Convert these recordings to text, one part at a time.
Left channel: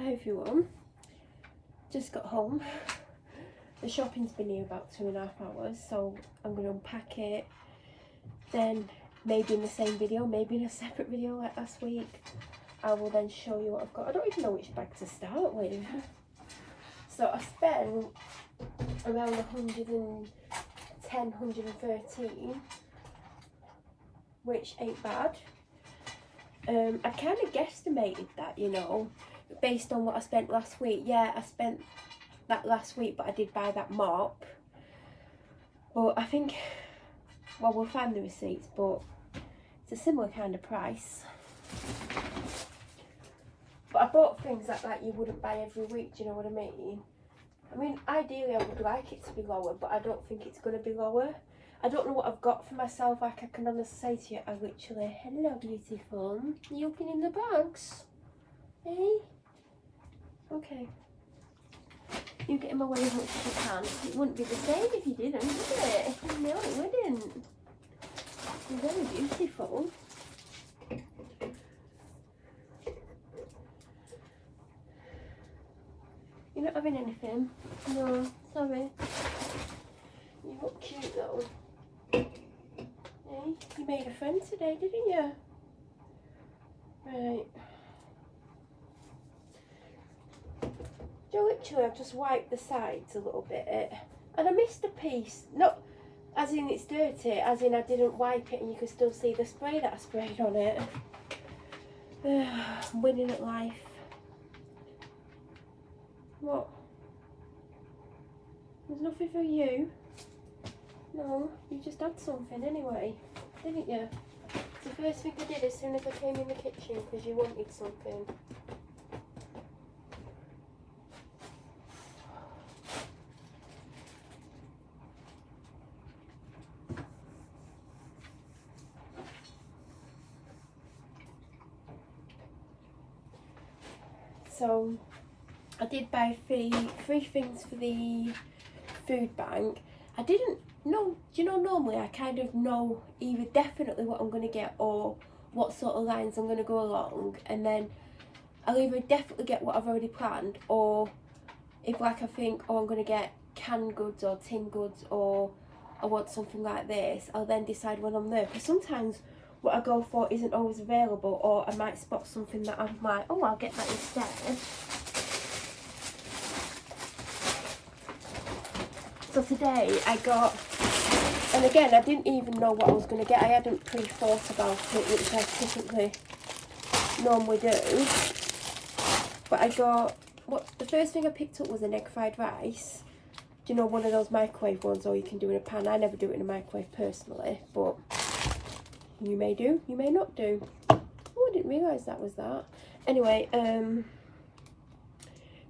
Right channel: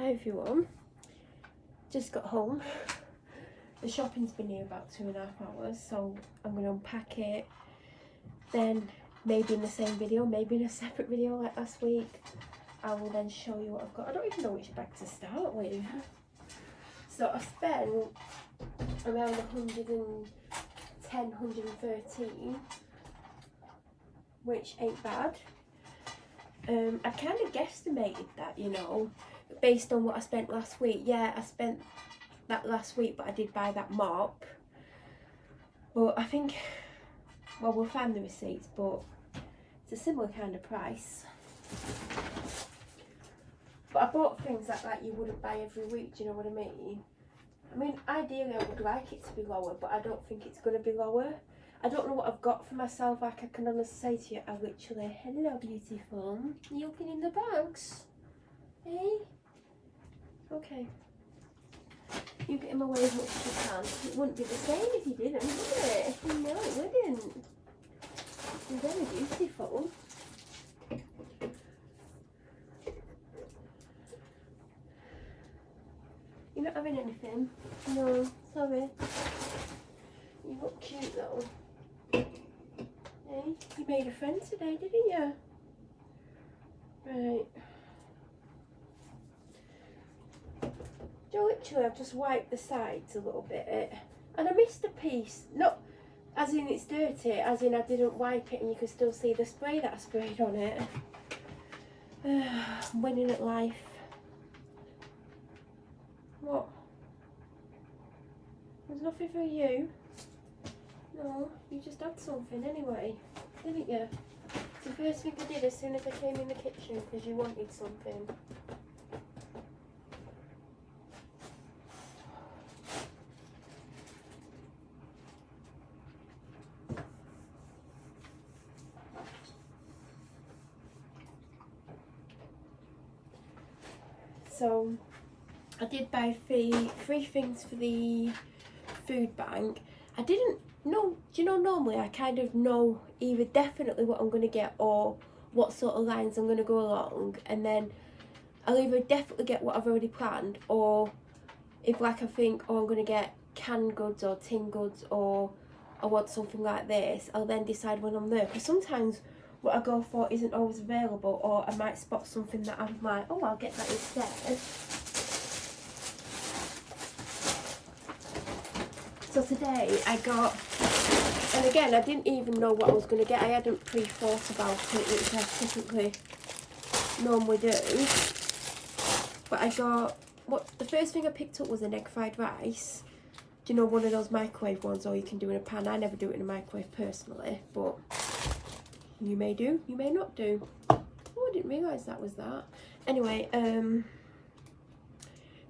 Hi everyone, just got home. The shopping's been here about 2.5 hours, so I'm going to unpack it, then maybe in the same video, maybe in a separate video like last week, I will then show you what I've got. I don't even know which bag to start with. So I spent around 113, which ain't bad. I kind of guesstimated that, you know, based on what I spent last week. Yeah, I spent that last week, but I did buy that mop. But I think, well, we'll find the receipts, but it's a similar kind of price. But I bought things that you wouldn't buy every week, do you know what I mean? I mean, ideally I would like it to be lower, but I don't think it's going to be lower. I don't know what I've got for myself. Like, I can honestly say to you, I literally, hello beautiful, are you opening the bags? Hey? Okay. You get him away as much as you can. It wouldn't be the same if you didn't, would it? No, it wouldn't. You're very beautiful. You're not having anything? No, sorry. You look cute though. Hey, you made a friend today, didn't you? Right. So literally I've just wiped the sides a little bit, and I missed a piece. Not as in it's dirty, as in I didn't wipe it and you can still see the spray that I sprayed on it. I'm winning at life. What? There's nothing for you? No, you just had something anyway, didn't you? It's the first thing I did as soon as I came in the kitchen because you wanted something. So I did buy three things for the food bank. I didn't know, do you know, normally I kind of know either definitely what I'm going to get or what sort of lines I'm going to go along, and then I'll either definitely get what I've already planned, or if like I think, oh, I'm going to get canned goods or tin goods, or I want something like this, I'll then decide when I'm there, because sometimes what I go for isn't always available, or I might spot something that I'm like, oh, I'll get that instead. So today I got, and again, I didn't even know what I was going to get. I hadn't pre-thought about it, which I typically normally do. But I got, the first thing I picked up was an egg fried rice. Do you know, one of those microwave ones, or you can do in a pan. I never do it in a microwave personally, but you may do, you may not do. Oh, I didn't realise that was that. Anyway,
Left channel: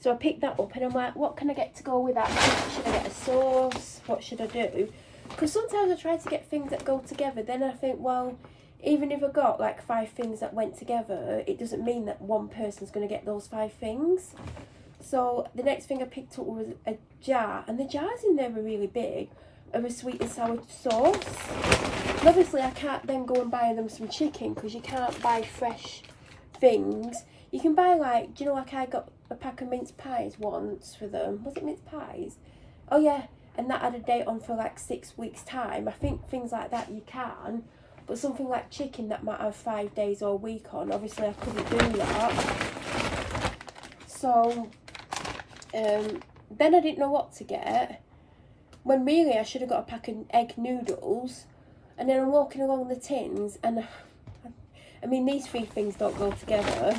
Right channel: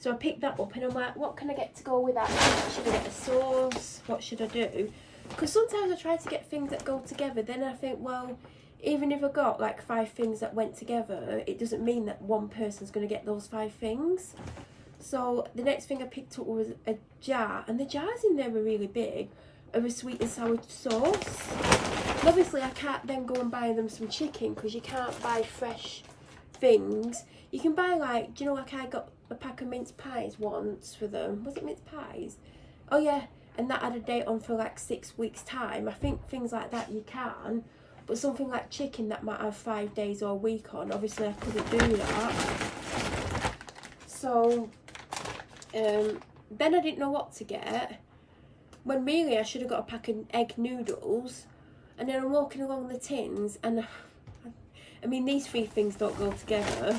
so I picked that up and I'm like, what can I get to go with that? Should I get a sauce? What should I do? Because sometimes I try to get things that go together, then I think, well, even if I got like 5 things that went together, it doesn't mean that one person's going to get those 5 things. So the next thing I picked up was a jar, and the jars in there were really big, of a sweet and sour sauce. And obviously I can't then go and buy them some chicken, because you can't buy fresh things. You can buy, like, do you know, like I got a pack of mince pies once for them. Was it mince pies? Oh yeah, and that had a date on for like 6 weeks time. I think things like that you can, but something like chicken that might have 5 days or a week on, obviously I couldn't do that. So then I didn't know what to get, when really I should have got a pack of egg noodles. And then I'm walking along the tins, and I mean, these 3 things don't go together.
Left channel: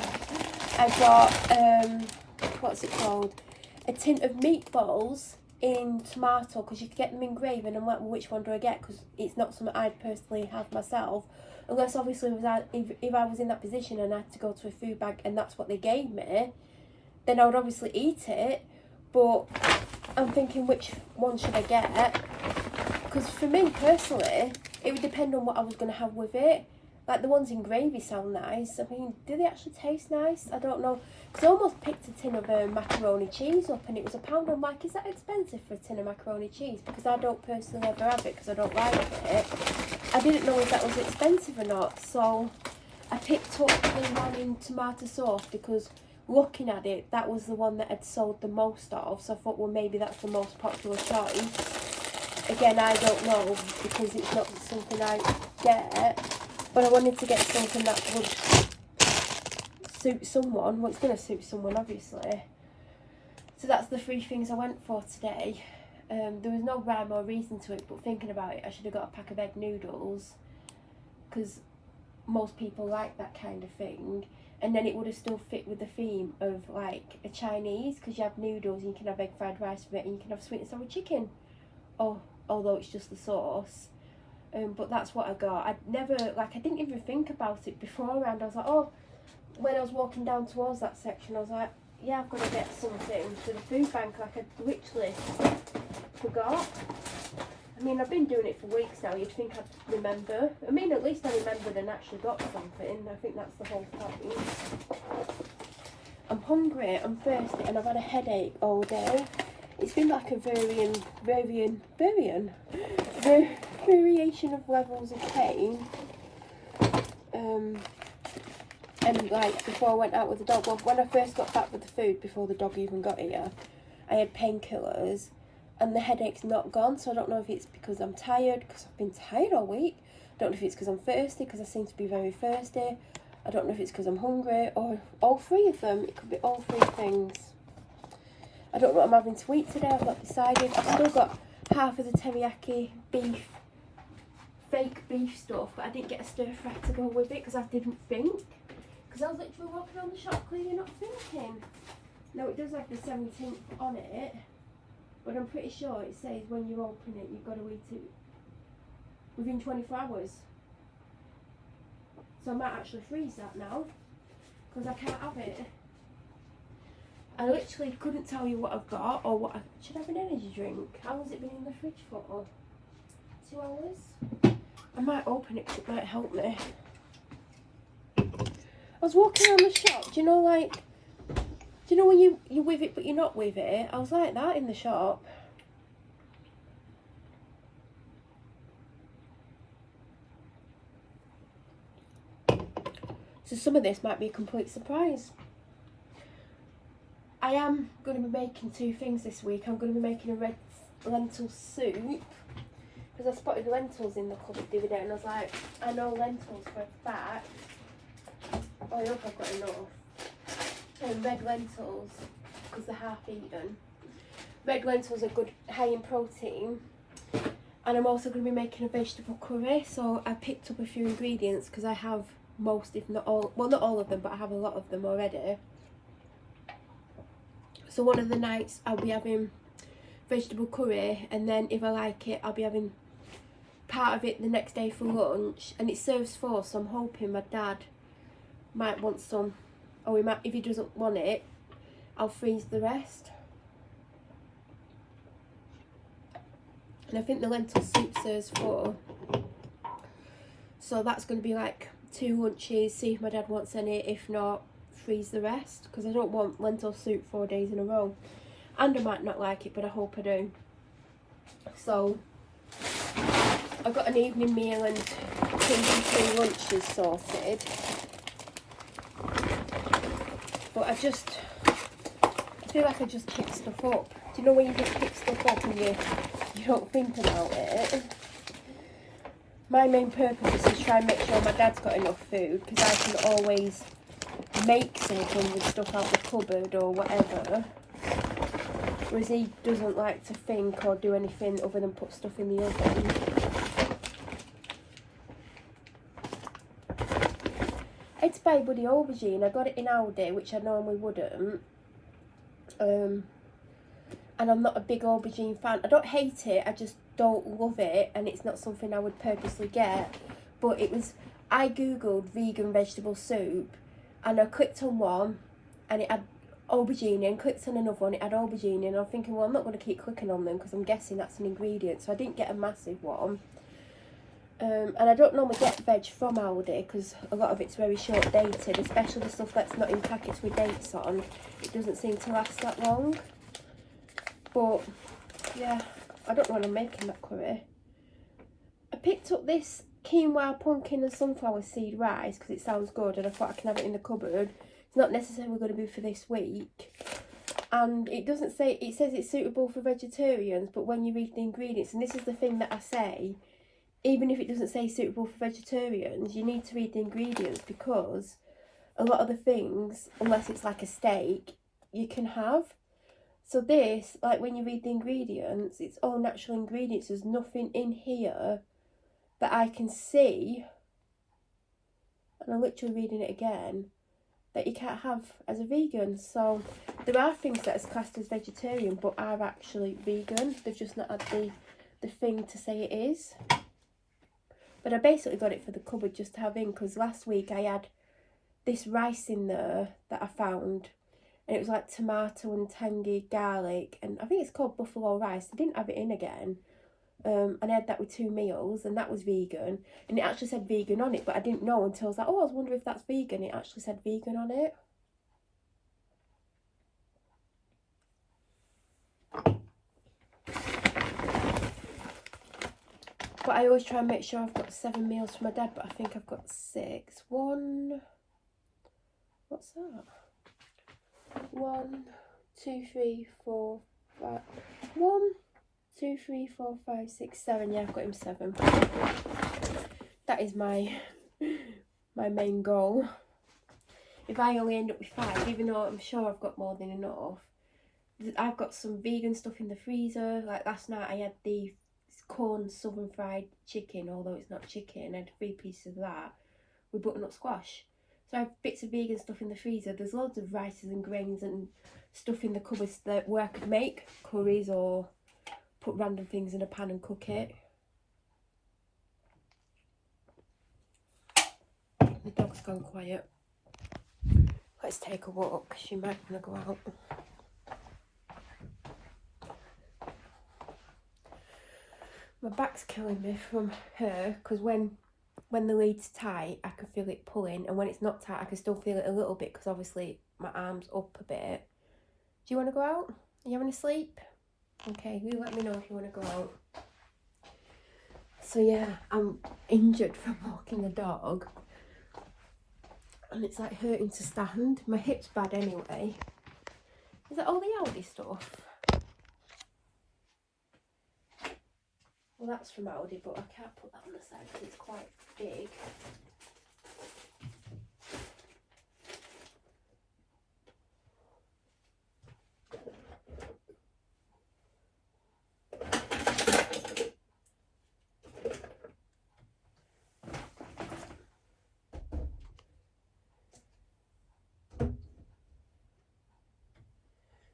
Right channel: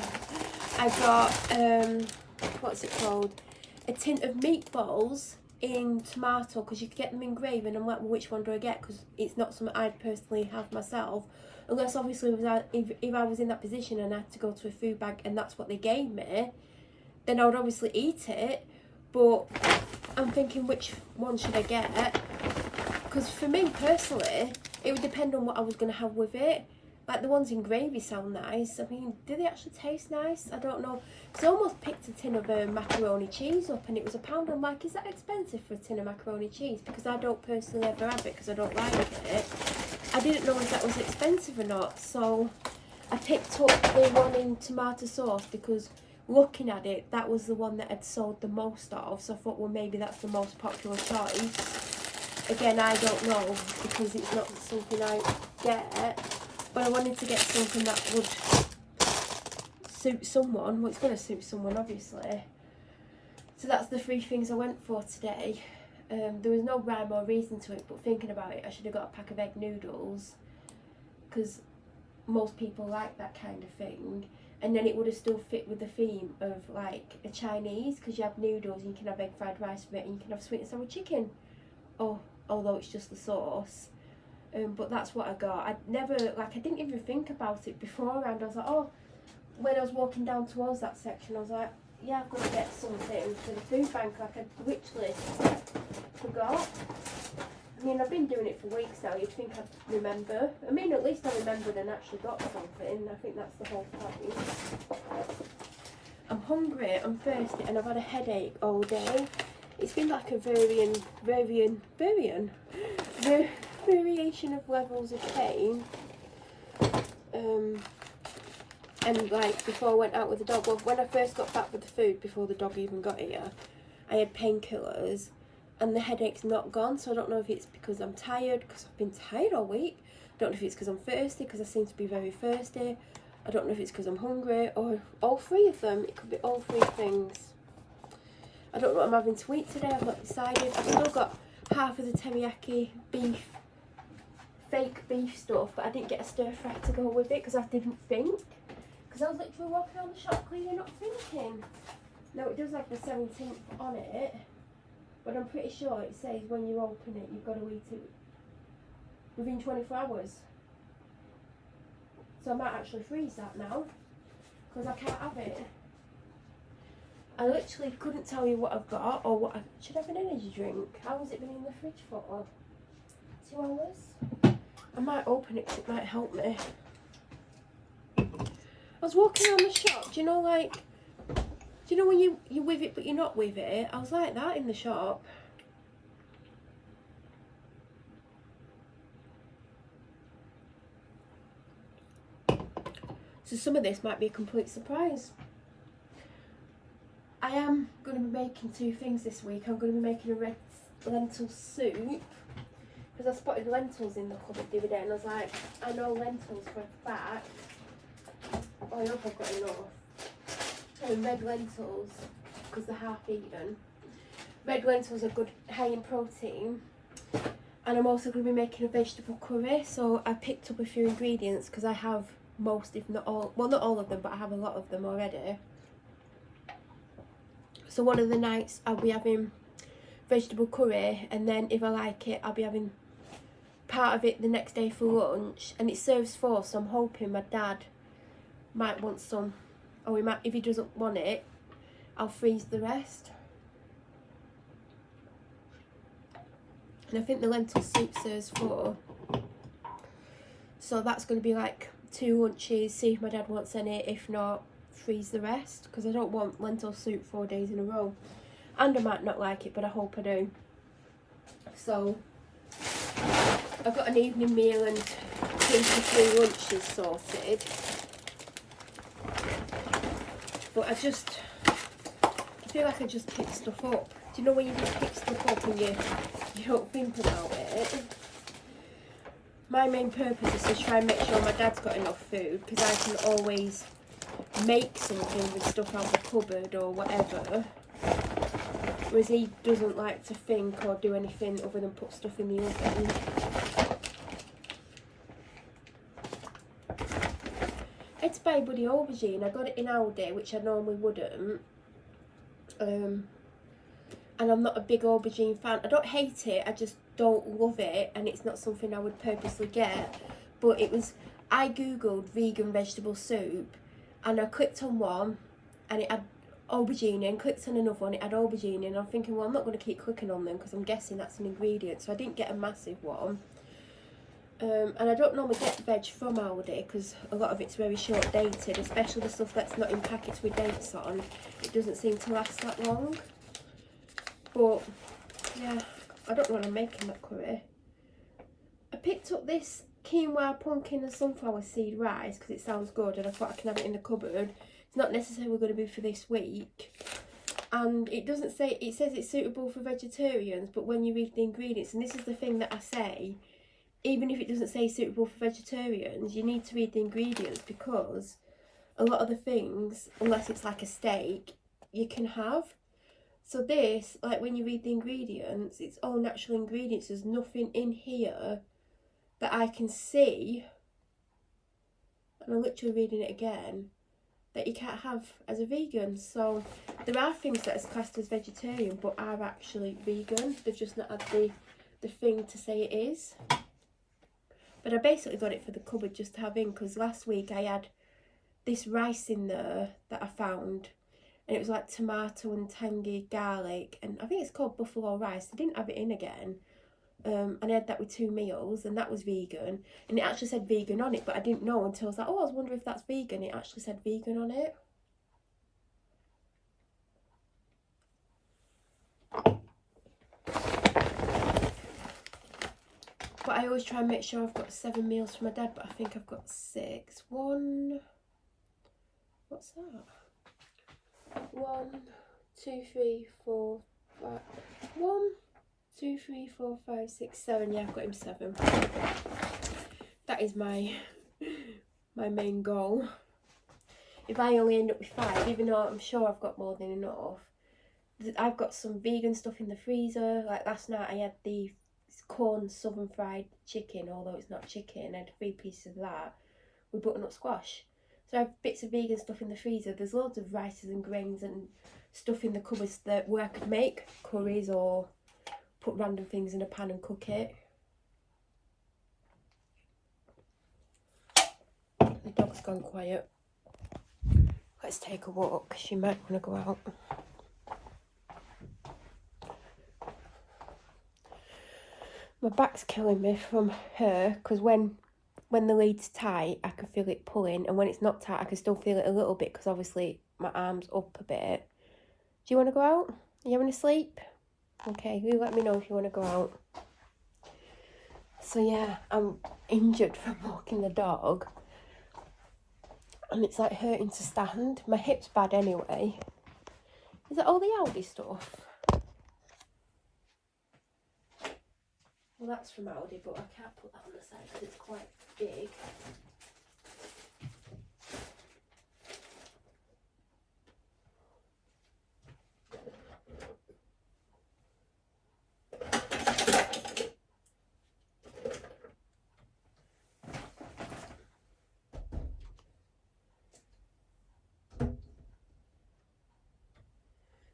I got, what's it called? A tin of meatballs in tomato, because you could get them in gravy, and I'm like, well, which one do I get? Because it's not something I'd personally have myself. Unless, obviously, if I was in that position and I had to go to a food bank and that's what they gave me, then I would obviously eat it. But I'm thinking, which one should I get? Because for me, personally, it would depend on what I was going to have with it. Like, the ones in gravy sound nice. I mean, do they actually taste nice? I don't know. Because I almost picked a tin of macaroni cheese up, and it was £1. I'm like, is that expensive for a tin of macaroni cheese? Because I don't personally ever have it, because I don't like it. I didn't know if that was expensive or not. So I picked up the one in tomato sauce, because looking at it, that was the one that had sold the most of, so I thought, well, maybe that's the most popular choice. Again, I don't know, because it's not something I get, but I wanted to get something that would suit someone. Well, it's going to suit someone, obviously. So that's the 3 things I went for today. There was no rhyme or reason to it, but thinking about it, I should have got a pack of egg noodles, because most people like that kind of thing. And then it would have still fit with the theme of like a Chinese, because you have noodles and you can have egg fried rice with it, and you can have sweet and sour chicken. Oh, although it's just the sauce. But that's what I got. I didn't even think about it beforehand. I was like, oh, when I was walking down towards that section, I was like, yeah, I'm going to get something for the food bank, like a wish list. Forgot. I mean, I've been doing it for weeks now. You'd think I'd remember. I mean, at least I remembered and actually got something. I think that's the whole point. I'm hungry, I'm thirsty, and I've had a headache all day. It's been like a variation of levels of pain. And like before I went out with the dog, well, when I first got back with the food, before the dog even got here, I had painkillers. And the headache's not gone, so I don't know if it's because I'm tired, because I've been tired all week. I don't know if it's because I'm thirsty, because I seem to be very thirsty. I don't know if it's because I'm hungry, or all 3 of them. It could be all 3 things. I don't know what I'm having to eat today. I've not decided. I've still got half of the teriyaki beef, fake beef stuff, but I didn't get a stir fry to go with it, because I didn't think. Because I was literally walking around the shop cleaning, not thinking. No, it does have the 17th on it. But I'm pretty sure it says when you open it, you've got to eat it within 24 hours. So I might actually freeze that now, because I can't have it. I literally couldn't tell you what I've got, or what I should have an energy drink. How has it been in the fridge for? 2 hours? I might open it, because it might help me. I was walking around the shop, do you know, like, do you know when you're with it but you're not with it? I was like that in the shop. So some of this might be a complete surprise. I am going to be making 2 things this week. I'm going to be making a red lentil soup, because I spotted lentils in the cupboard the other day, and I was like, I know lentils for a fact. I hope I've got enough. And red lentils, because they're half eaten. Red lentils are good, high in protein. And I'm also going to be making a vegetable curry. So I picked up a few ingredients, because I have most, if not all, well, not all of them, but I have a lot of them already. So one of the nights I'll be having vegetable curry, and then if I like it, I'll be having part of it the next day for lunch. And it serves 4, so I'm hoping my dad might want some. Or we might, if he doesn't want it, I'll freeze the rest. And I think the lentil soup serves 4. So that's going to be like 2 lunches, see if my dad wants any. If not, freeze the rest. Because I don't want lentil soup 4 days in a row. And I might not like it, but I hope I do. So, I've got an evening meal and 2 to 3 lunches sorted. But I feel like I just pick stuff up. Do you know when you just pick stuff up and you don't think about it? My main purpose is to try and make sure my dad's got enough food, because I can always make something with stuff out the cupboard or whatever. Whereas he doesn't like to think or do anything other than put stuff in the oven. I had to buy a bloody aubergine. I got it in Aldi, which I normally wouldn't. And I'm not a big aubergine fan. I don't hate it, I just don't love it, and it's not something I would purposely get. But it was, I googled vegan vegetable soup, and I clicked on one, and it had aubergine, and clicked on another one, it had aubergine, and I'm thinking, well, I'm not going to keep clicking on them, because I'm guessing that's an ingredient. So I didn't get a massive one. And I don't normally get veg from Aldi, because a lot of it's very short dated, especially the stuff that's not in packets with dates on. It doesn't seem to last that long. But yeah, I don't know when I'm making that curry. I picked up this quinoa, pumpkin and sunflower seed rice because it sounds good and I thought I can have it in the cupboard. It's not necessarily going to be for this week. And it doesn't say, it says it's suitable for vegetarians, but when you read the ingredients, and this is the thing that I say, even if it doesn't say suitable for vegetarians, you need to read the ingredients, because a lot of the things, unless it's like a steak, you can have. So this, like when you read the ingredients, it's all natural ingredients. There's nothing in here that I can see, and I'm literally reading it again, that you can't have as a vegan. So there are things that is classed as vegetarian but are actually vegan. They've just not had the thing to say it is. But I basically got it for the cupboard just to have in, because last week I had this rice in there that I found, and it was like tomato and tangy garlic, and I think it's called buffalo rice. I didn't have it in again. And I had that with 2 meals, and that was vegan, and it actually said vegan on it, but I didn't know until I was like, oh, I was wondering if that's vegan. It actually said vegan on it. But I always try and make sure I've got 7 meals for my dad, but I think I've got 6. What's that? 1, 2, 3, 4, 5. 1, 2, 3, 4, 5, 6, 7. Yeah, I've got him 7. That is my main goal. If I only end up with 5, even though I'm sure I've got more than enough, I've got some vegan stuff in the freezer. Like last night I had the corn southern fried chicken, although it's not chicken. I had 3 pieces of that with butternut squash. So I have bits of vegan stuff in the freezer. There's loads of rices and grains and stuff in the cupboards where I could make curries or put random things in a pan and cook it. The dog's gone quiet. Let's take a walk. She might want to go out. My back's killing me from her, because when the lead's tight, I can feel it pulling, and when it's not tight, I can still feel it a little bit, because obviously my arm's up a bit. Do you want to go out? Are you having a sleep? Okay, you let me know if you want to go out. So yeah, I'm injured from walking the dog, and it's like hurting to stand. My hip's bad anyway. Is that all the Aldi stuff? Well, that's from Aldi, but I can't put that on the side because it's quite big.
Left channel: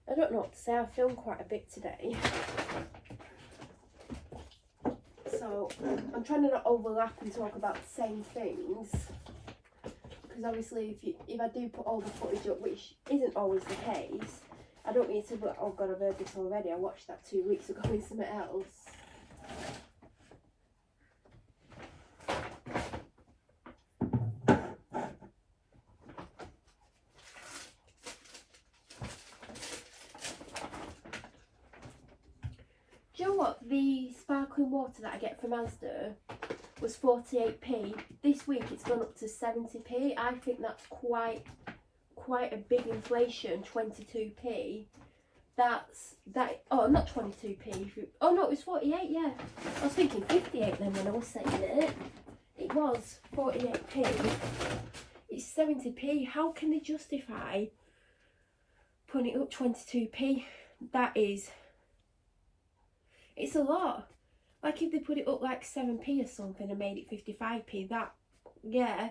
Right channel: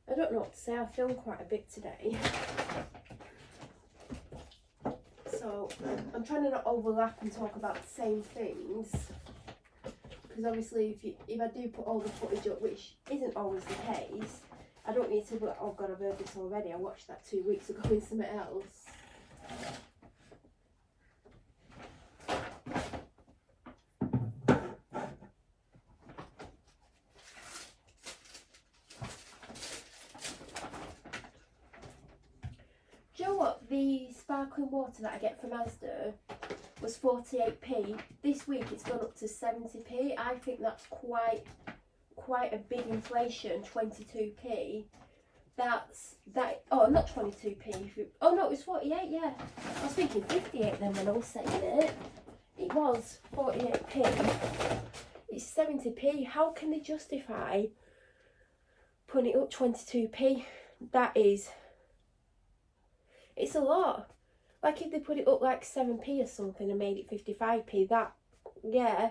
I don't know what to say. I filmed quite a bit today. So I'm trying to not overlap and talk about the same things, because obviously if I do put all the footage up, which isn't always the case, I don't need to be like, oh god, I've heard this already, I watched that 2 weeks ago in something else. Do you know what? The sparkling water that I get from Asda was 48p. This week it's gone up to 70p. I think that's quite a big inflation. 22p. Oh, not 22p. Oh no, it was 48. Yeah, I was thinking 58 then when I was saying it. It was 48p. It's 70p. How can they justify putting it up 22p? It's a lot. Like if they put it up like 7p or something and made it 55p, yeah.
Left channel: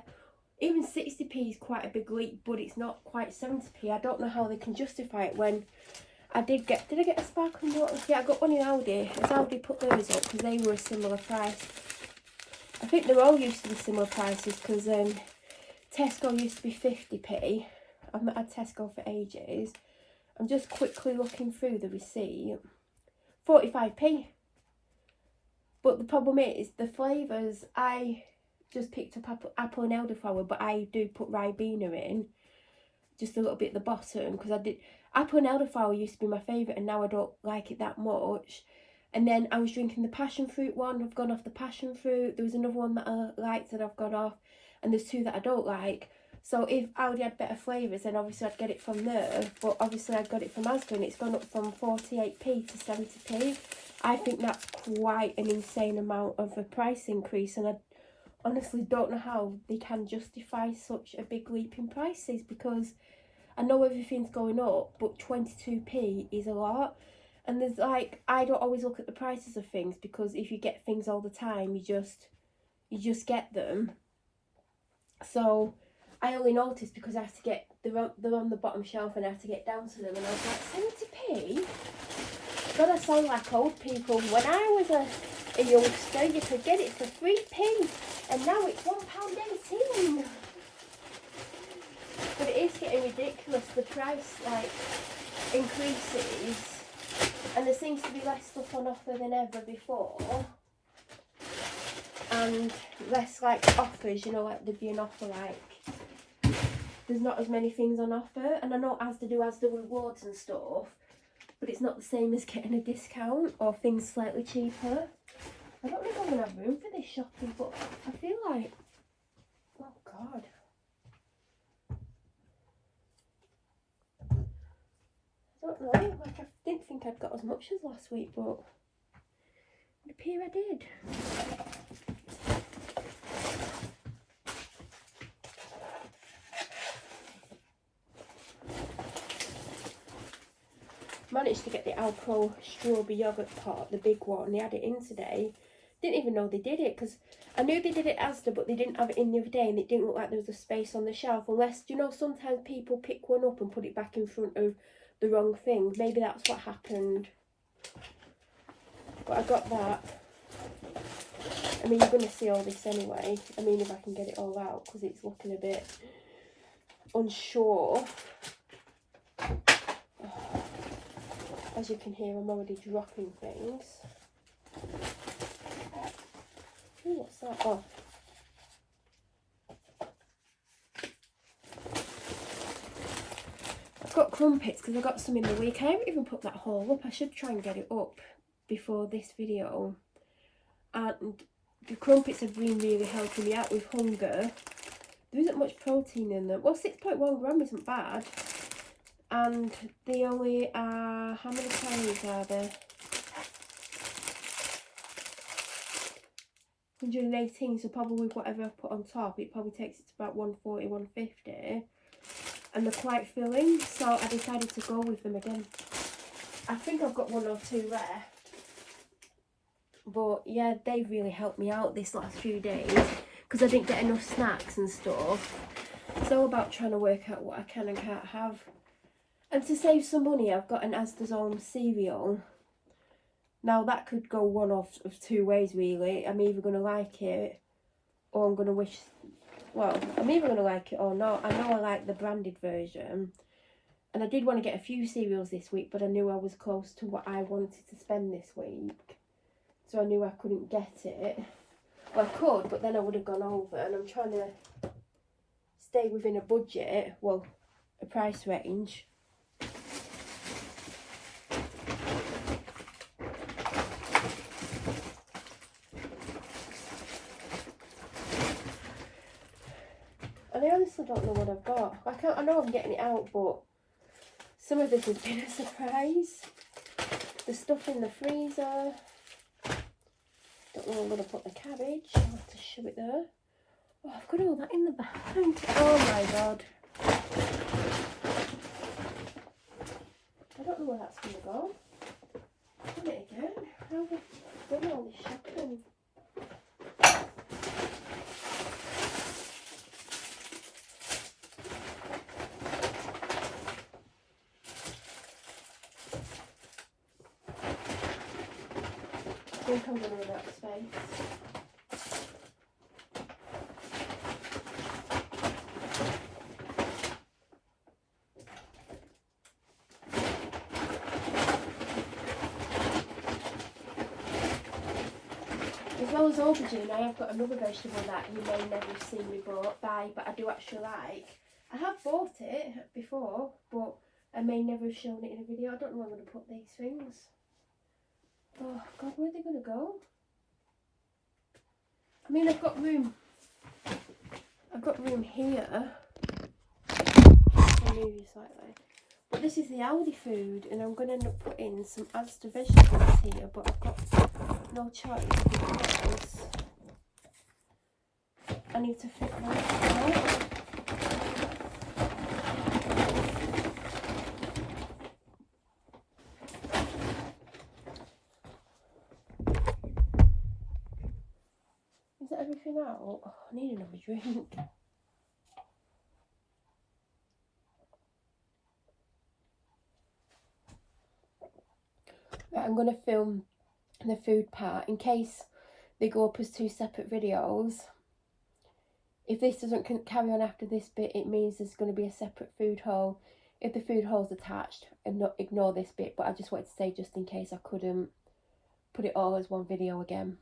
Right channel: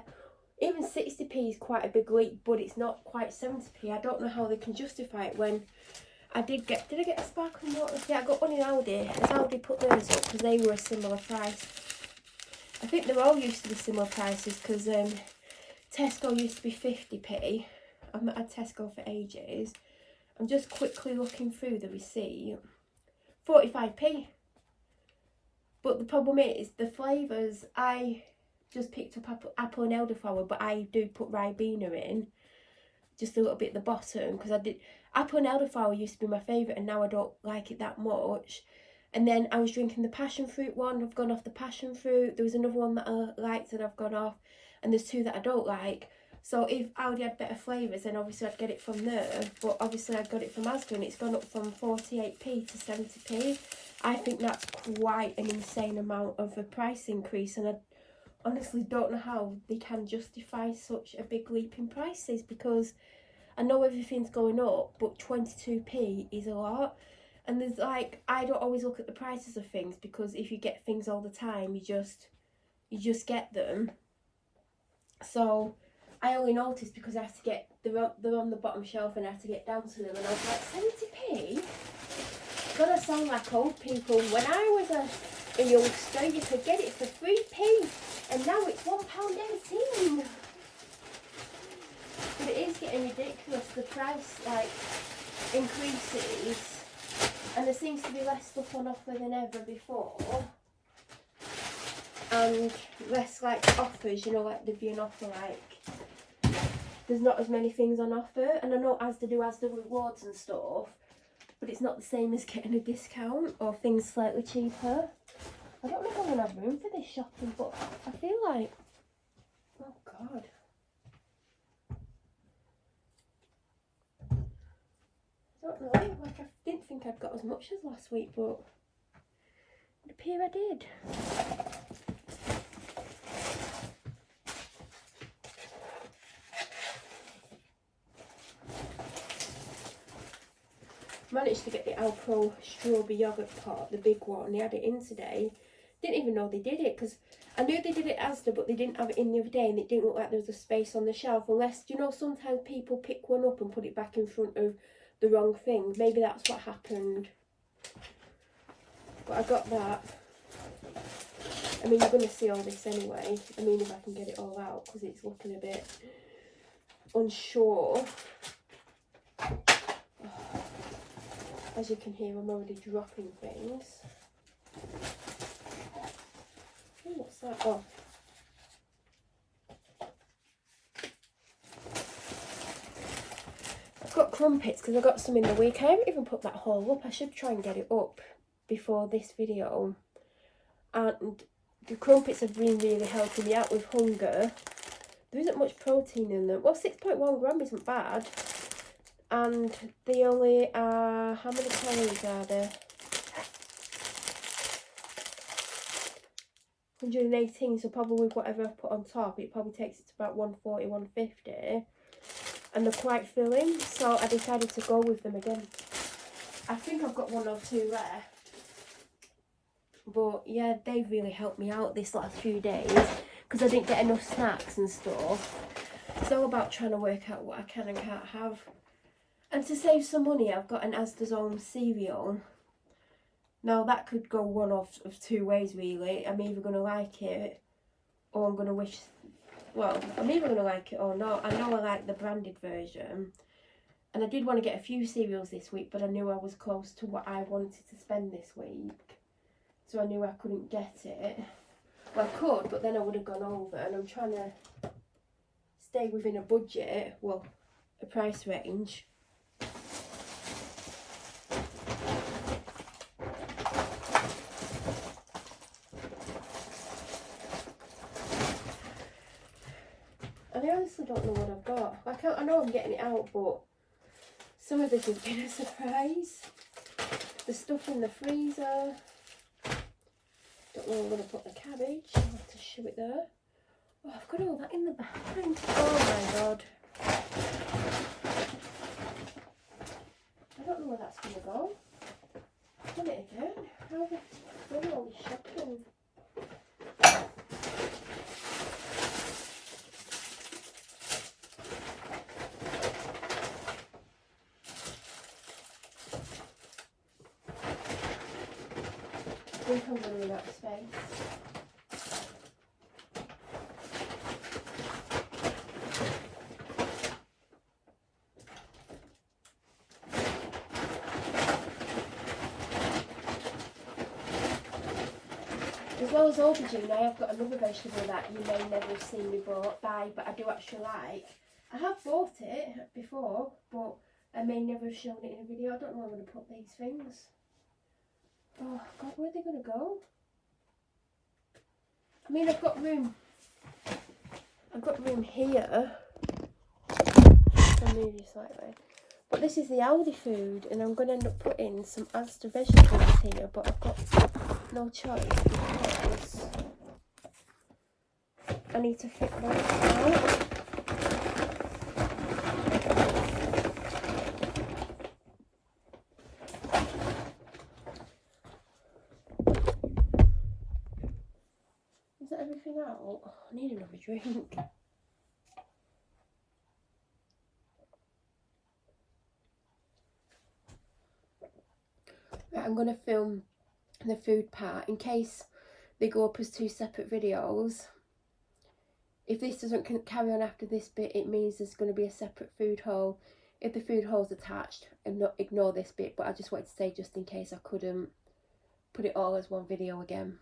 Even 60p is quite a big leap, but it's not quite 70p. I don't know how they can justify it when did I get a sparkling water? Yeah, I got one in Aldi. Has Aldi put theirs up because they were a similar price? I think they're all used to be similar prices, because Tesco used to be 50p. I've not had Tesco for ages. I'm just quickly looking through the receipt. 45p. But the problem is the flavours. I just picked up apple and elderflower, but I do put Ribena in just a little bit at the bottom, because apple and elderflower used to be my favourite, and now I don't like it that much. And then I was drinking the passion fruit one. I've gone off the passion fruit. There was another one that I liked that I've gone off. And there's 2 that I don't like. So if Aldi had better flavours, then obviously I'd get it from there. But obviously I'd got it from Asda, and it's gone up from 48p to 70p. I think that's quite an insane amount of a price increase. And I honestly don't know how they can justify such a big leap in prices, because I know everything's going up, but 22p is a lot. And there's like, I don't always look at the prices of things, because if you get things all the time, you just get them. So I only noticed because I have to get, they're on the bottom shelf, and I have to get down to them, and I was like, 70p? God, I sound like old people. When I was a youngster, you could get it for 3p, and now it's £1.18. But it is getting ridiculous, the price like increases. And there seems to be less stuff on offer than ever before. And less like offers, you know, like there'd be an offer like, there's not as many things on offer. And I know Asda do Asda rewards and stuff, but it's not the same as getting a discount or things slightly cheaper. I don't know if I'm going to have room for this shopping, but I feel like, oh God. I don't know, like I didn't think I'd got as much as last week, but it appears I did. Managed to get the Alpro strawberry yogurt pot, the big one. They had it in today. Didn't even know they did it, because I knew they did it at Asda, but they didn't have it in the other day, and it didn't look like there was a space on the shelf, unless, you know, sometimes people pick one up and put it back in front of the wrong thing. Maybe that's what happened. But I got that. I mean, you're going to see all this anyway. I mean, if I can get it all out, because it's looking a bit unsure. As you can hear, I'm already dropping things. Ooh, what's that? Oh. I've got crumpets because I got some in the week. I haven't even put that haul up. I should try and get it up before this video. And the crumpets have been really helping me out with hunger. There isn't much protein in them. Well, 6.1 gram isn't bad. And they only are, how many calories are there? 118, so probably with whatever I've put on top, it probably takes it to about 140, 150. And they're quite filling, so I decided to go with them again. I think I've got 1 or 2 left. But yeah, they've really helped me out this last few days, because I didn't get enough snacks and stuff. It's all about trying to work out what I can and can't have. And to save some money, I've got an Asda's Own cereal. Now that could go one of 2 ways really. I'm either going to like it, or I'm going to wish, well, I'm either going to like it or not. I know I like the branded version. And I did want to get a few cereals this week, but I knew I was close to what I wanted to spend this week. So I knew I couldn't get it. Well, I could, but then I would have gone over, and I'm trying to stay within a budget, well, a price range. And I honestly don't know what I've got. I know I'm getting it out, but some of this has been a surprise. There's stuff in the freezer. Don't know where I'm going to put the cabbage. I'll have to shove it there. Oh, I've got all that in the bag. Oh my god. I don't know where that's going to go. Done it again. How have I done all this shopping? I think I'm going to run out of space. As well as aubergine, I have got another vegetable that you may never have seen me buy, but I do actually like. I have bought it before, but I may never have shown it in a video. I don't know where I'm going to put these things. Oh God, where are they going to go? I mean, I've got room here. I'll move you slightly. But this is the Aldi food, and I'm going to end up putting some Asda vegetables here, but I've got no choice because I need to fit those out. Is that everything out? Oh, I need another drink. Right, I'm going to film the food part in case they go up as 2 separate videos. If this doesn't carry on after this bit, it means there's going to be a separate food haul. If the food haul's attached, and not ignore this bit, but I just wanted to say just in case I couldn't put it all as one video again.